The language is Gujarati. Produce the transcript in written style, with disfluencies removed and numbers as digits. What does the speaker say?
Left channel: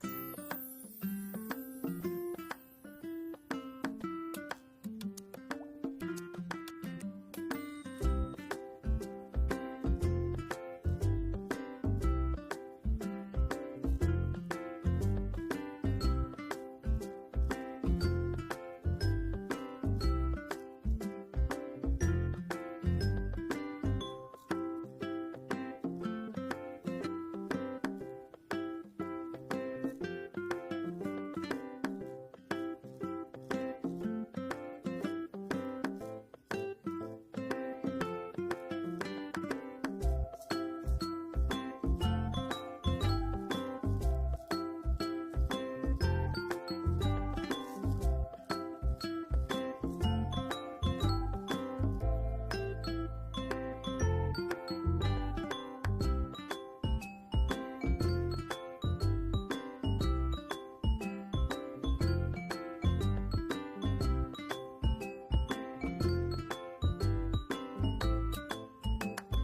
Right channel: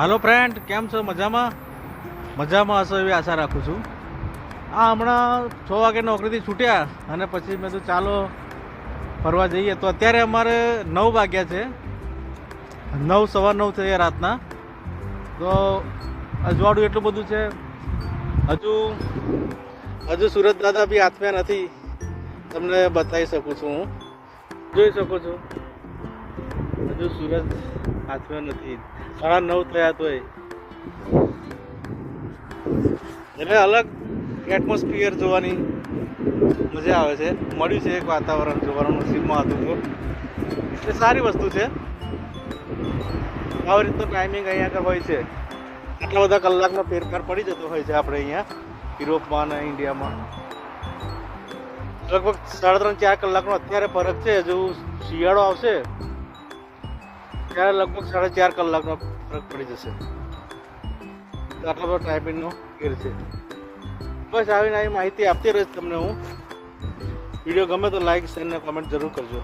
હાલો ફ્રેન્ડ, કેમ છો? મજામાં હશો એવી આશા રાખું છું. હમણાં 6 વાગે નોકરીથી છૂટ્યા અને પછી મેં તો ચાલો ફરવા જઈએ. તો અત્યારે અમારે 9 વાગ્યા છે, 9:15 થયા રાતના. તો અજવાળું એટલું બધું છે. હજુ સુરત દાદા બી આત્મ્યા નથી. તમને બતાવી શકું છું, હું જોઈ શકું છું. હજુ સુરત આત્મ્યો નથી. 9:30 થયા તોય એટલે અલગ એટમોસ્ફિયર જોવાની મજા આવે છે. મળ્યું છે એક વાતાવરણ જોવાનું, નસીબમાં હતું તો એટલે સારી વસ્તુ છે. આવી રીતનો ટાઈમિંગ અહીંયા આગળ હોય છે. આટલા બધા કલાકનો ફેરફાર પડી જતો હોય છે આપણે અહીંયા યુરોપમાં અને ઇન્ડિયામાં. લગભગ 3.5-4 કલાકનો અત્યારે ફરક છે. જો શિયાળો આવશે ત્યારે લગભગ 4.5 કલાકનો ફરક પડી જશે. આટલો બધો ટાઈપિંગનો ફેર છે. બસ આવી માહિતી આપતી રહીશ તમને હું. વિડીયો ગમે તો લાઈક, શેર અને કમેન્ટ જરૂર કરજો.